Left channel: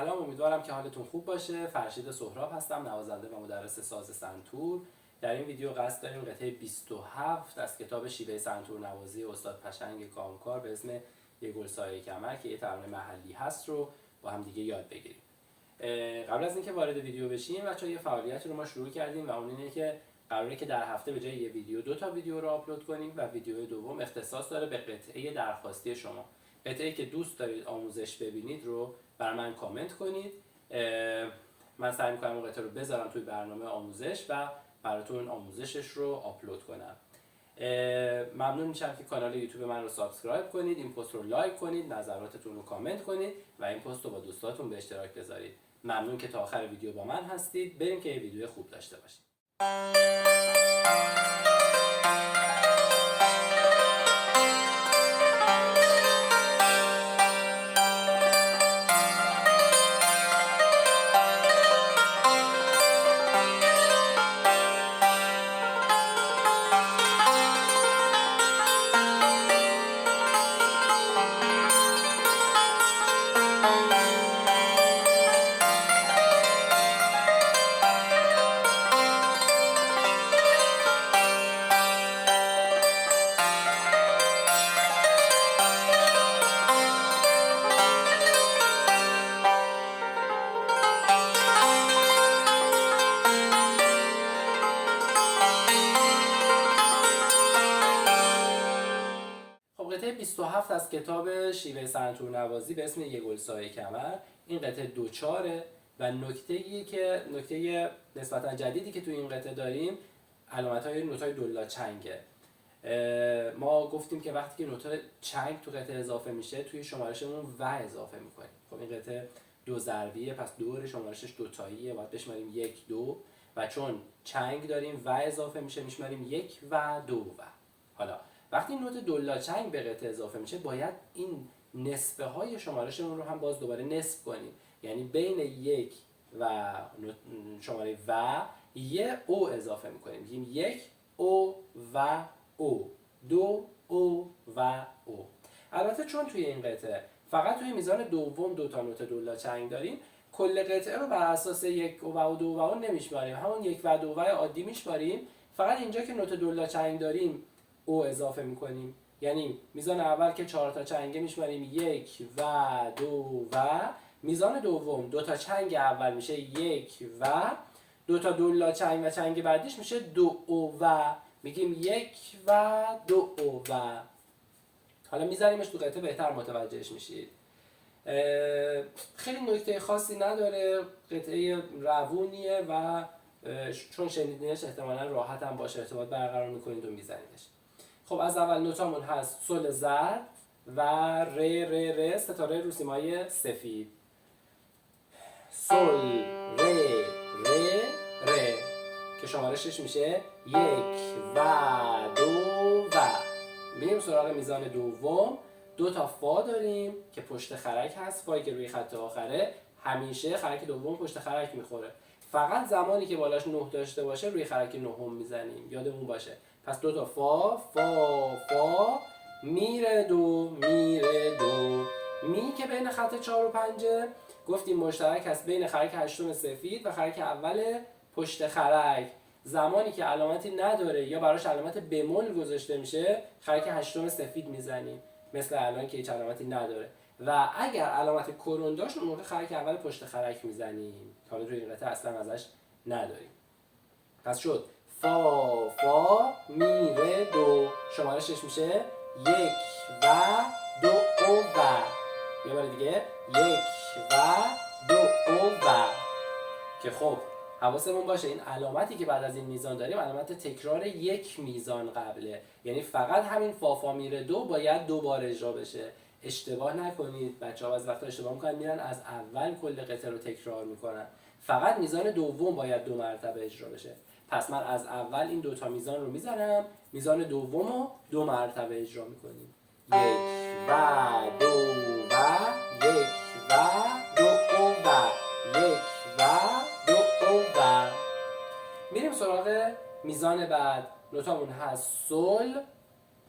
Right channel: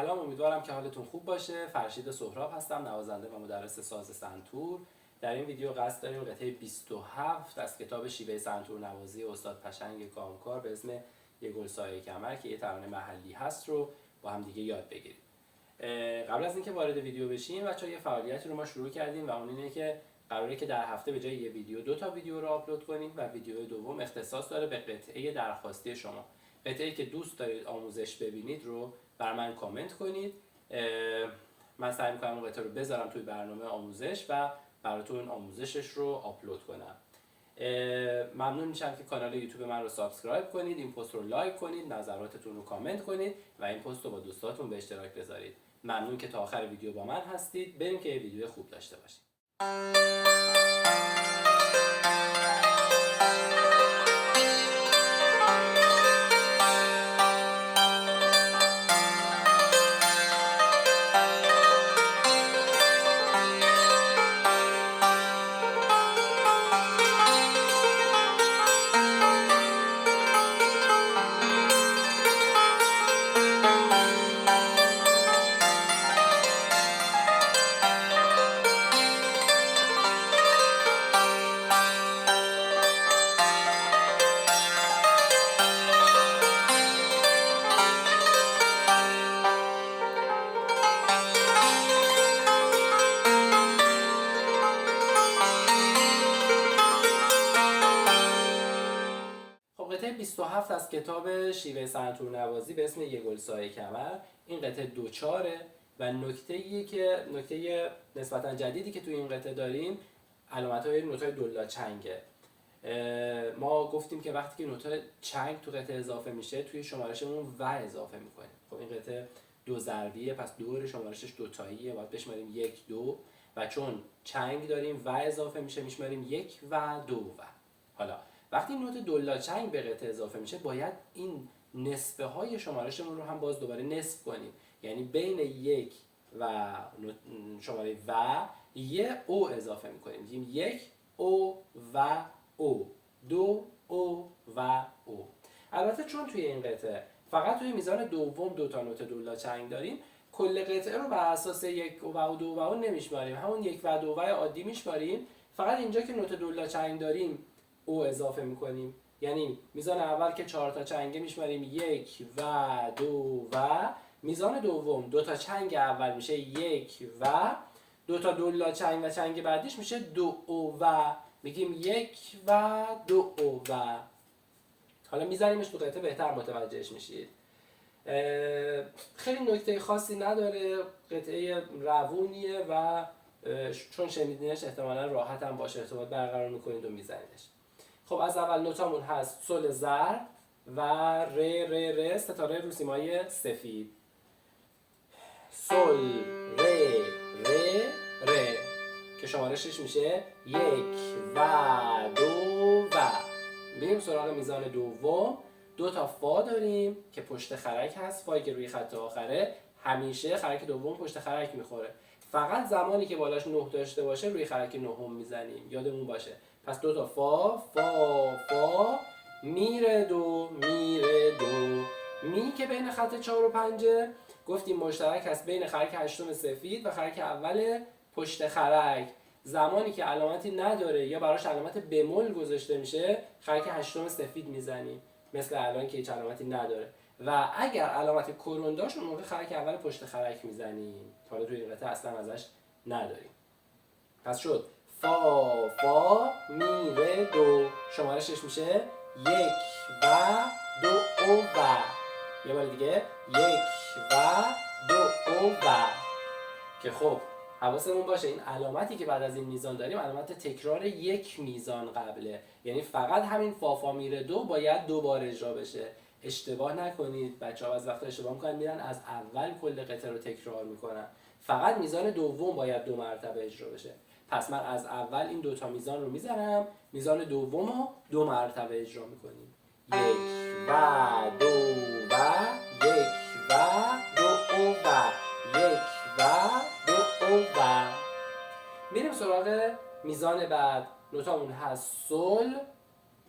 سلام، امیدوارم که حالتون خوب باشه. فرشید سهراب هستم، نوازنده و مدرس ساز سنتور. در این ویدیو قصد داریم قطعه 27 از کتاب شیوه سنتور نوازی استاد پشنگ کامکار به اسم یه گل سایه کمر که یه ترانه محلی هست رو با هم دیگه یاد بگیریم. قبل از اینکه وارد ویدیو بشیم بچه‌ها، یه فعالیتی رو ما شروع کردیم و اون اینه که قراره که در هفته به جای یه ویدیو 2 تا ویدیو رو آپلود کنیم و ویدیو دوم اختصاص داره به قطعه درخواستی شما. قطعه‌ای که دوست دارید آموزش ببینید رو بر من کامنت کنید. من سعی می‌کنم اون قطعه رو بذارم توی برنامه آموزش و براتون آموزشش رو آپلود کنم. ممنون میشم که کانال یوتیوب من رو سابسکرایب کنید، این پست رو لایک کنید، نظراتتون رو کامنت کنید و این پست رو با دوستاتون به اشتراک بذارید. ممنون که تا آخر ویدیو با من هستید. بریم که یه ویدیو خوب داشته باشید. قطعه 27 از کتاب شیوه سنتور نوازی به اسم یه گل سایه کمر. این قطعه دوچاره و نکته نسبتا جدیدی که توی این قطعه داریم علامت‌های نوت‌های دولا چنگه. ما گفتیم که وقتی که نوت چنگ تو قطعه اضافه میشه توی شمارشمون و اضافه میکنیم. خب این قطعه دو ضربیه، پس دور شمارشش دوتاییه، باید بشماریم 1 2 و چون چنگ داریم و اضافه میشه میشماریم 1 و 2 و. حالا وقتی نوت دولا چنگ به قطعه اضافه میشه باید این نصفه های شمارشمون رو هم باز دوباره نصف کنیم، یعنی بین 1 و شماره و یه او اضافه میکنیم، میگیم 1 او و او، 2 او و او. البته چون توی این قطعه فقط توی میزان دوم 2 تا نوت دولا چنگ داریم، کل قطعه رو بر اساس 1 و 2 و نمیشماریم، همون 1 و 2 و عادی میشماریم. فقط اینجا که نوت دولا چنگ داریم او اضافه میکنیم، یعنی میزان اول که 4 تا چنگه میشماریم 1 و 2 و، میزان دوم 2 تا چنگ اول میشه 1 و 2 تا دولا چنگ و چنگ بعدیش میشه 2 او و، میگیم 1 و 2 او و. حالا میذاریمش تو قطعه بهتر متوجهش میشید. خیلی نکته خاصی نداره، قطعه روونیه و چون شنیدینش احتمالا راحت هم باشه ارتباط برقرار میکنید و میزنیدش. خب از اول نوتامون هست سل ضرب و ر ستاره روسیمای سفید. سل ر که شمارشش میشه 1 و 2 و. میریم سراغ میزان دوم. 2 تا فا داریم که پشت خرک هست، فایی که روی خط آخره همیشه خرک دوم پشت خرک میخوره، فقط زمانی که بالاش 9 داشته باشه روی خرک نهم میزنیم، یادمون باشه. پس 2 تا فا فا میره دو می که بین خط 4 و 5 گفتیم مشترک هست بین خرک هشتم سفید و خرک اول پشت خرک. زمانی که علامتی نداره یا براش علامت بمول گذاشته میشه خرک هشتم سفید میزنیم، مثل الان که هیچ علامتی نداره. و اگر علامت کرون داشت اون موقع خرک اول پشت خرک میزنیم، حالا توی این قطعه اصلا ازش نداریم. پس شد فا میره دو، شمارشش میشه 1 و 2 او و. یه بار دیگه 1 و 2 او و. که خب حواسمون باشه این علامتی که بعد از این میزان داریم علامت تکرار یک میزان قبله، یعنی فقط همین فا میره دو باید 2 بار اجرا بشه. اشتباه نکنید، بچه‌ها از وقتا اشتباه میکنن میرن از اول کل قطعه رو تکرار میکنن. فقط میزان دوم باید 2 مرتبه اجرا بشه. پس من از اول این 2 تا میزان رو میزنم، میزان دوم رو 2 مرتبه اجرا میکنیم. 1 و 2 و 1 و 2 و 1 و 2 و. میریم سراغ میزان بعد. نوتامون هست سل،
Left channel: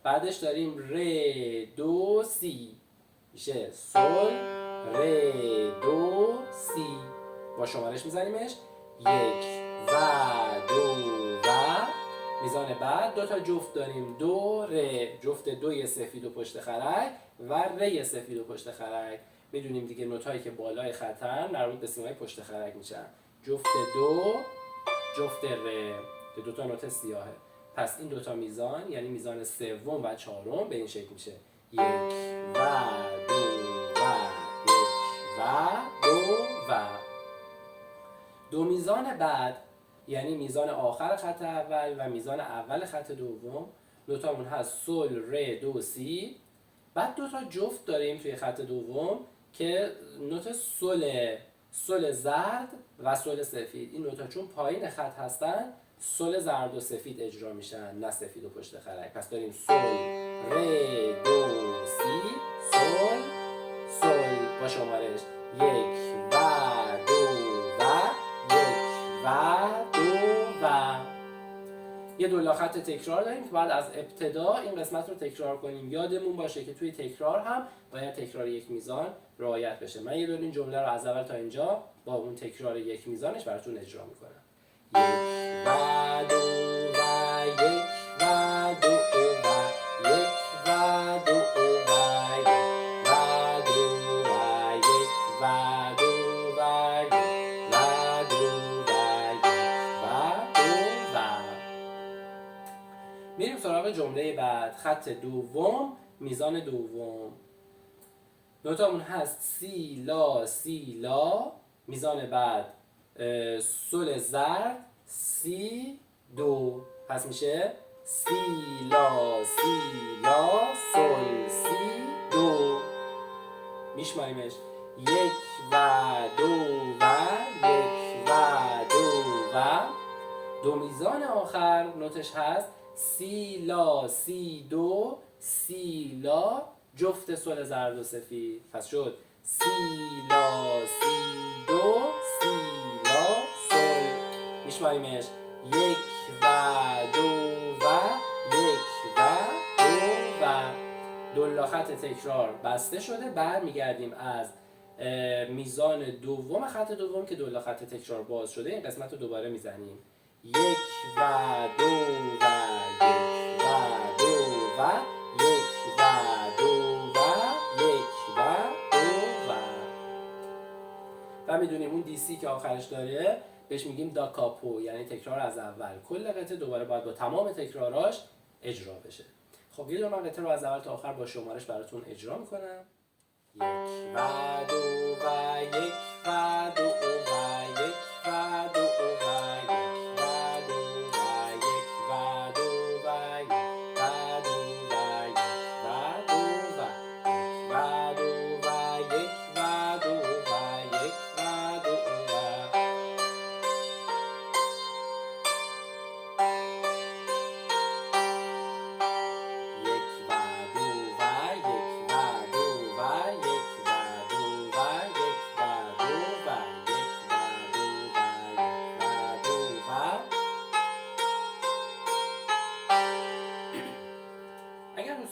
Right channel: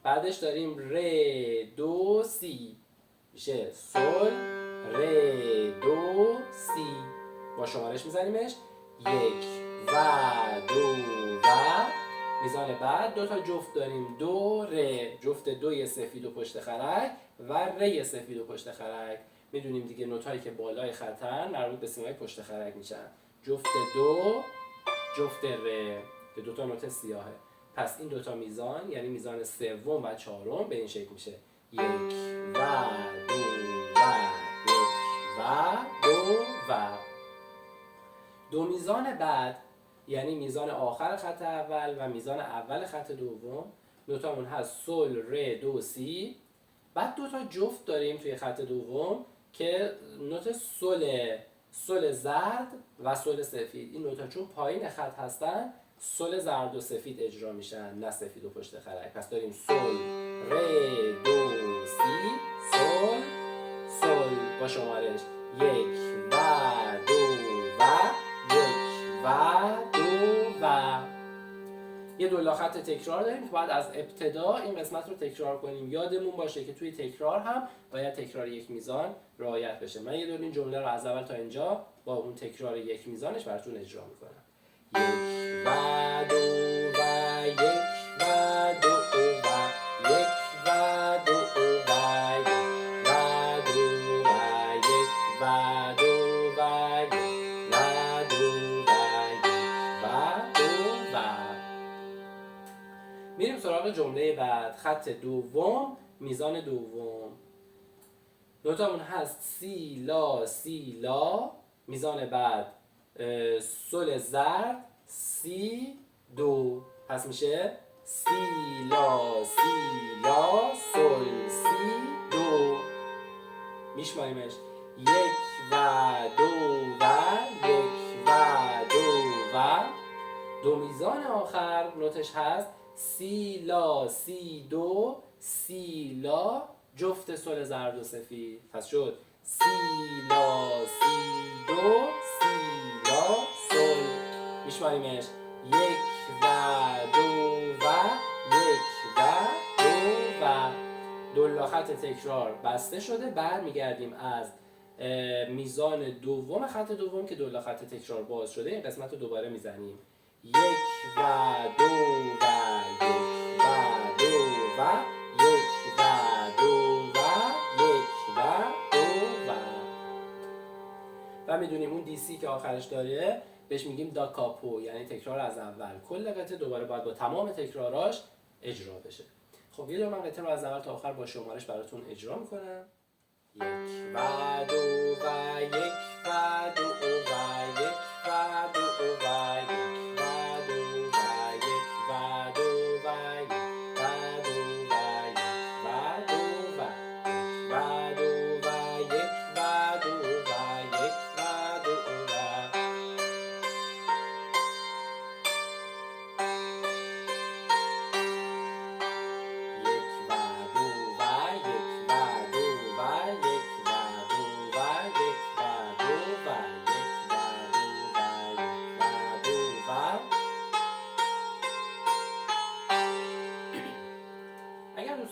بعدش داریم ر دو سی، میشه سل ره دو سی. با شمارش میزنیمش 1 و 2 و. میزان بعد دو تا جفت داریم، دو ره، جفت دوی سفید و پشت خرک و ره سفید و پشت خرک. میدونیم دیگه نوتایی که بالای خطن مربوط به سیمای پشت خرک میشن، جفت دو، جفت ره که دو تا نوت سیاهه. پس این دوتا میزان یعنی میزان سوم و چهارم به این شکل میشه 1 و 2 و 1 و 2 و. دو میزان بعد یعنی میزان آخر خط اول و میزان اول خط دوم، نوتامون هست سل ره دو سی. بعد دو تا جفت داریم توی خط دوم که نوت سل زرد و سل سفید. این نوتا چون پایین خط هستن سل زرد و سفید اجرا میشن، نه سفید و پشت خرک. پس داریم سل ره دو سی، سل با شمارش 1 و 2 و 1 و 2 و. یه دولا خط تکرار داریم که باید از ابتدا این قسمت رو تکرار کنیم. یادمون باشه که توی تکرار هم باید تکرار یک میزان رعایت بشه. من یه دور این جمله رو از اول تا اینجا با اون تکرار یک میزانش براتون اجرا میکنم. 1 و 2 و 1 و 2 و 1 و 2 و 1 و 2 و 1 و 2 و 1 و 2 و 2 و. میریم سراغ جمله بعد. خط دوم، میزان دوم. نوتامون هست سی لا سی لا. میزان بعد سل زرد سی دو. پس میشه سی لا سی لا سل سی دو. میشماریمش 1 و 2 و 1 و 2 و. دو میزان آخر نوتش هست سی لا سی دو سی لا جفت سل زرد و سفید. پس شد سی لا سی دو سی لا سل. میشماریمش 1 و 2 و 1 و 2 و. دولا خط تکرار بسته شده. برمیگردیم از میزان دوم خط دوم که دولا خط تکرار باز شده. این قسمت رو دوباره میزنیم 1 و 2 و 1 و 2 و 1 و 2 و 1 و 2 و میدونیم اون دی سی که آخرش داره بهش میگیم دا کاپو، یعنی تکرار از اول. کل قطعه دوباره باید با تمام تکراراش اجرا بشه. خب یه دور من قطعه رو از اول تا آخر با شمارش براتون اجرا میکنم. 1 و 2 و 1 و 2 و 1 و 2 و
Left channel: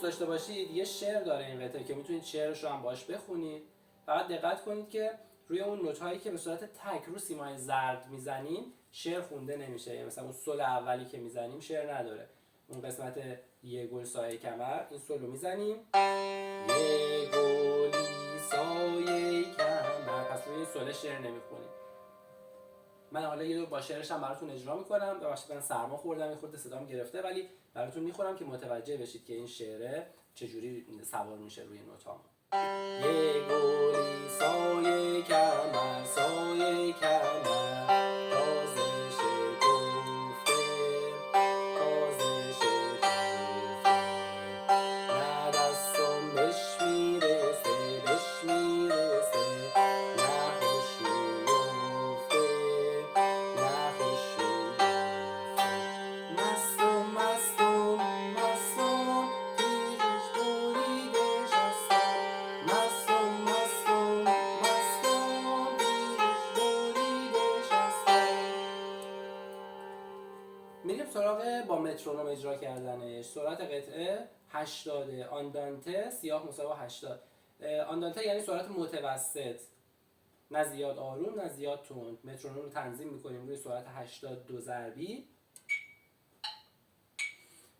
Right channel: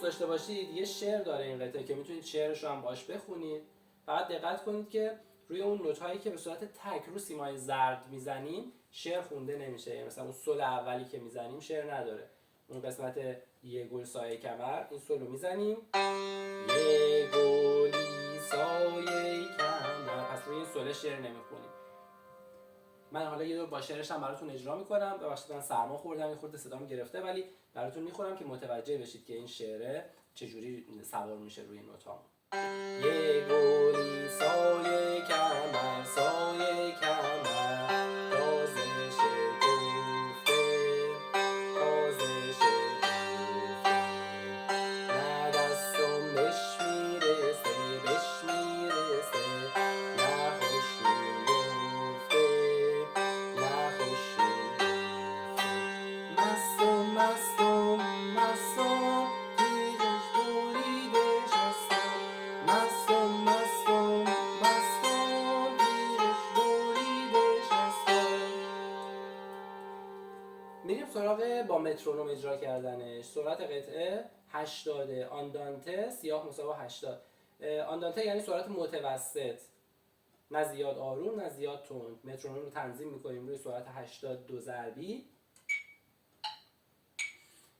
داشته باشید یه شعر داره این قطعه که میتونید شعرش رو هم باش بخونید. فقط دقت کنید که روی اون نوت‌هایی که به صورت تک رو سیمای زرد میزنیم شعر خونده نمیشه. یعنی مثلا اون سل اولی که میزنیم شعر نداره. اون قسمت یه گل سایه کمر، این سل رو میزنیم یه گلی سایه کمر. پس روی سل شعر نمیخونیم. من حالا یه دور با شعرش هم براتون اجرا میکنم. ببخشید من سرما خوردم، یه خورده صدام گرفته، ولی براتون میخونم که متوجه بشید که این شعره چجوری سوار میشه روی نوتام. یه گلی سایه کمر سایه کمر تازه شکفته تازه شکفته نه دستم بهش میرسه بهش میرسه نه خوش میگفته نه خوش میگفته مستم مستم مستم تیغش بریده شستم مستم مستم مستم تیغش بریده شستم. میریم سراغ با مترونوم اجرا کردنش. سرعت قطعه 80، آندانته سیاه مساوی 80. آندانته یعنی سرعت متوسط، نه زیاد آروم نه زیاد تند. مترونوم رو تنظیم میکنیم روی سرعت 82 ضربی.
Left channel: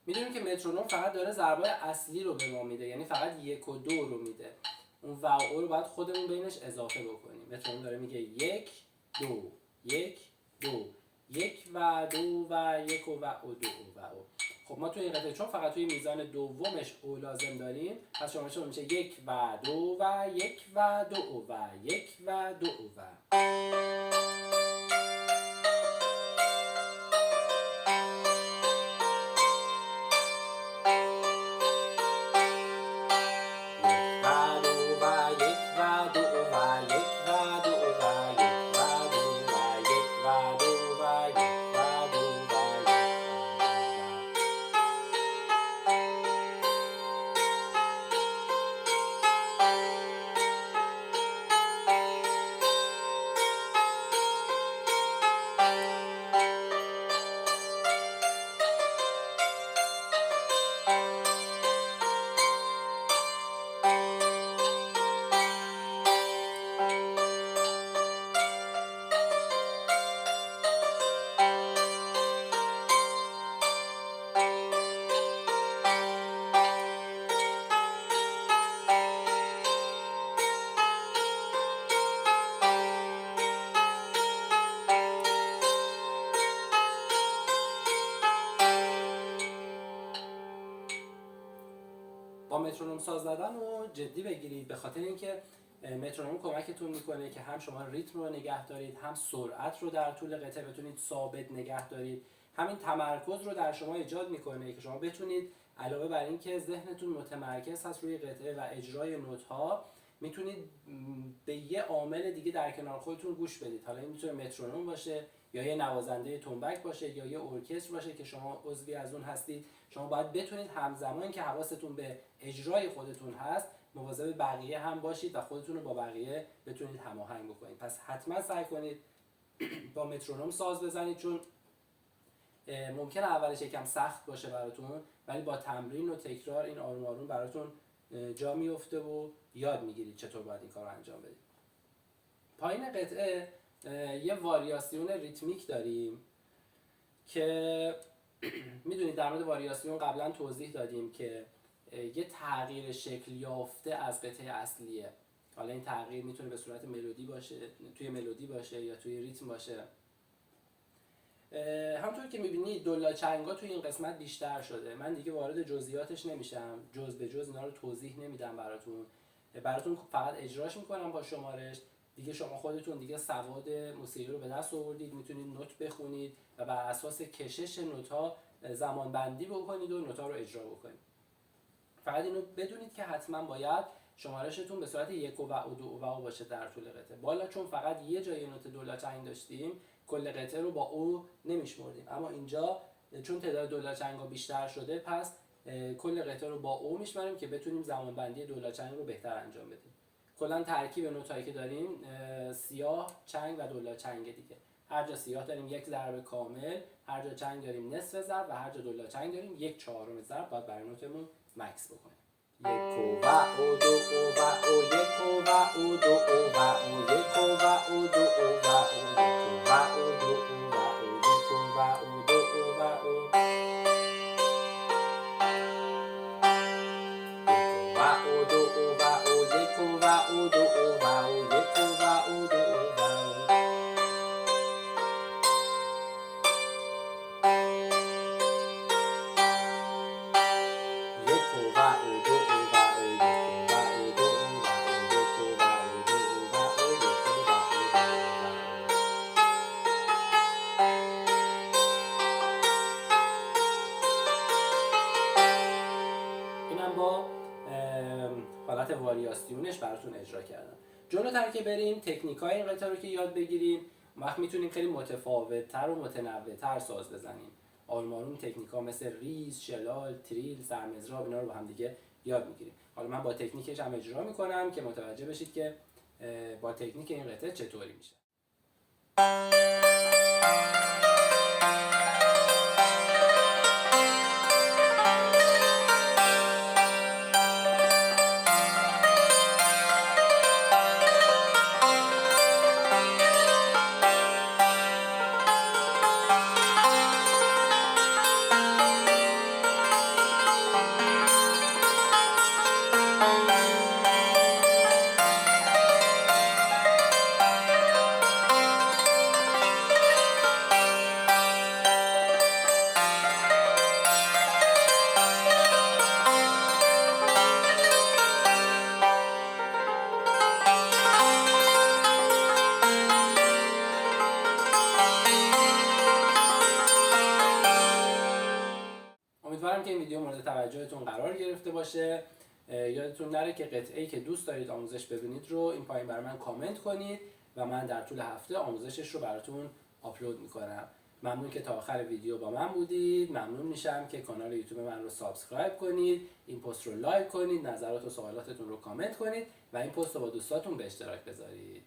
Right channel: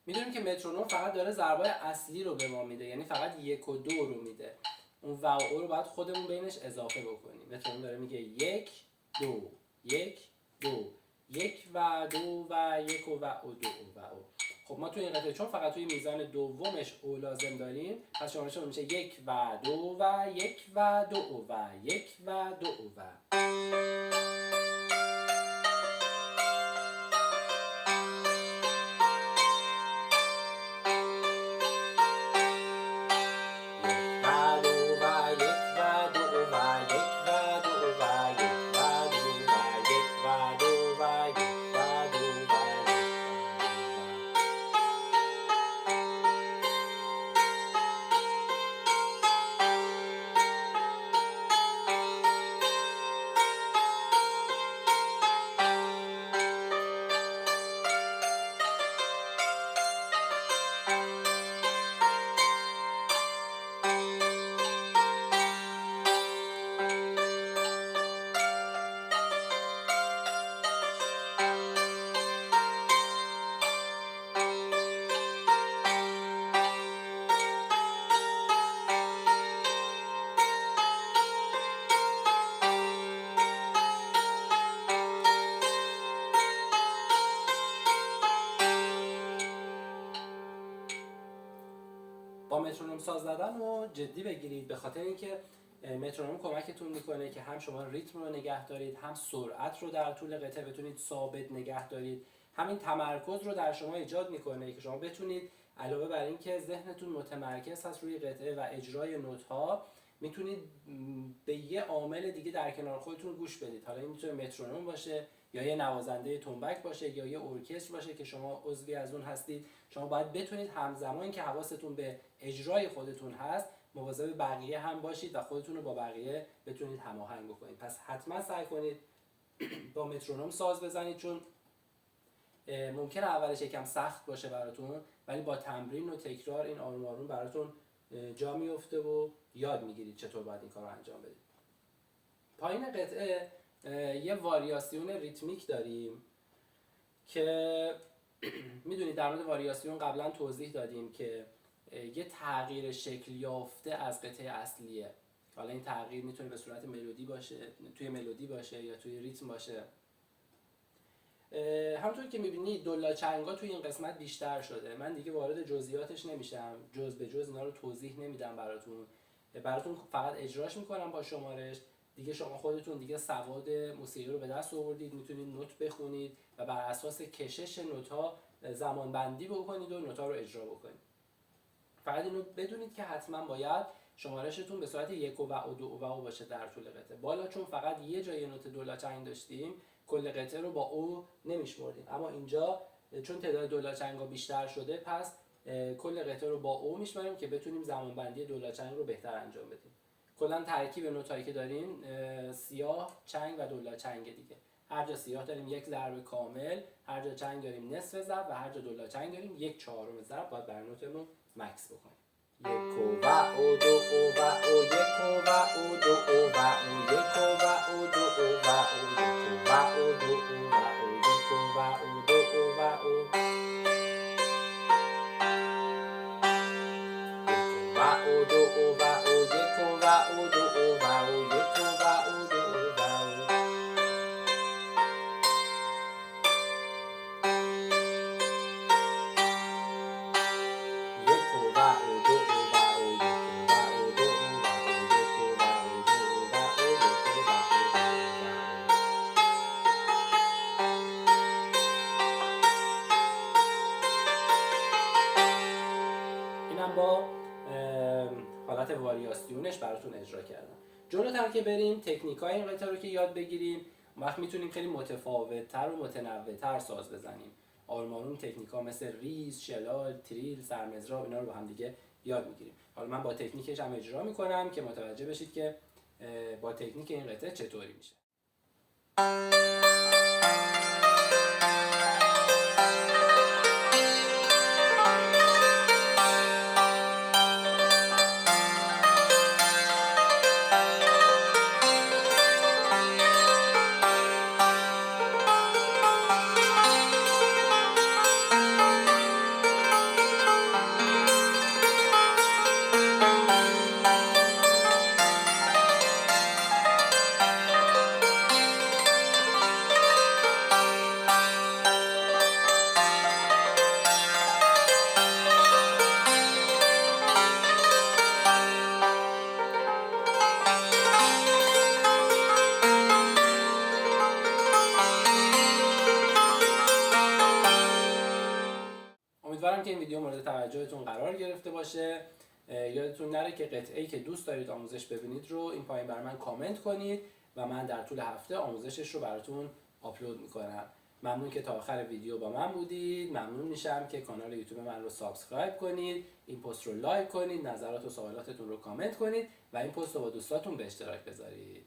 میدونیم که مترونوم فقط داره ضربای اصلی رو به ما میده، یعنی فقط 1 و 2 رو میده. اون و او رو باید خودمون بینش اضافه بکنیم. مترونوم داره میگه 1 2 1 2 1 و 2 و 1 و 2 و او. خب ما توی این قطعه چون فقط توی میزان دومش او لازم داریم، پس شمارشمون میشه 1 و 2 و 1 و 2 و 1 و 2 و. با مترونوم ساز زدن رو جدی بگیرید، به خاطر اینکه مترونوم کمکتون میکنه که هم شما ریتم رو نگه دارید، هم سرعت رو در طول قطعه بتونید ثابت نگه دارید. همین تمرکز رو در شما ایجاد میکنه که شما بتونید علاوه بر اینکه ذهنتون متمرکز هست روی قطعه و اجرای نوت‌ها، میتونید به یه عامل دیگه در کنار خودتون گوش بدید. حالا این میتونه مترونوم باشه، یا یه نوازنده تنبک باشه، یا یه ارکستر باشه که شما عضوی از اون هستید. شما باید بتونید همزمان که حواستون به اجرای خودتون هست، مواظب بقیه هم باشید و خودتون رو با بقیه بتونید هماهنگ بکنید. پس حتما سعی کنید با مترونوم ساز بزنید، چون ممکنه اولش یکم سخت باشه براتون، ولی با تمرین و تکرار این آروم آروم براتون جا میفته و یاد میگیرید چطور باید این کار رو انجام بدید. پایین قطعه یه واریاسیون ریتمیک داریم که میدونید در مورد واریاسیون قبلا توضیح دادیم که یه تغییر شکل یافته از قطعه اصلیه. حالا این تغییر میتونه به صورت ملودی باشه، توی ملودی باشه یا توی ریتم باشه. همونطور که میبینید دولا چنگا توی این قسمت بیشتر شده. من دیگه وارد جزئیاتش نمیشم، جز به جز اینا رو توضیح نمیدم براتون فقط اجراش میکنم با شمارش. دیگه شما خودتون دیگه سواد موسیقی رو به دست آوردید، میتونید نوت بخونید و بر اساس کشش نوت‌ها زمان بندی بکنید و نوت‌ها رو اجرا بکنید. فقط اینو بدونید که حتما باید شمارشتون به صورت 1 و 2 و باشه در طول قطعه. بالا چون فقط یه جای نوت دولا چنگ داشتیم، کل قطعه رو با او نمیشمردیم، اما اینجا چون تعداد دولا چنگا بیشتر شده، پس کل قطعه رو با او میشماریم که بتونیم زمان بندی دولا چنگ رو بهتر انجام بدیم. کلا ترکیب نوتایی که داریم سیاه، چنگ و دولا چنگ دیگه. هر جا سیاه داریم یک ضرب کامل، هر جا چنگ داریم نصف ضرب و هر جا دولا چنگ داریم یک چهارم ضرب. باید برای نوتمون مکس بکنیم. 1 و 2 و 1 و 2 و 1 و 2 و 1 و 2 با حالت واریاسیونش براتون اجرا کردم. جلوتر که بریم تکنیکای این قطعه رو که یاد بگیریم، وقت میتونیم خیلی متفاوت‌تر و متنوع‌تر ساز بزنیم. آروم آروم تکنیکا مثل ریز، شلال، تریل، سرمزراب، اینا رو با هم دیگه یاد میگیریم. حالا من با تکنیکش هم اجرا میکنم که متوجه بشید که با تکنیک این قطعه چطوری میشه. ویدیو مورد توجهتون قرار گرفته باشه. یادتون نره که قطعه‌ای که دوست دارید آموزش ببینید رو این پایین برای من کامنت کنید و من در طول هفته آموزشش رو براتون آپلود میکنم. ممنون که تا آخر ویدیو با من بودید. ممنون میشم که کانال یوتیوب من رو سابسکرایب کنید، این پست رو لایک کنید، نظرات و سوالاتتون رو کامنت کنید و این پست رو با دوستاتون به اشتراک بذارید.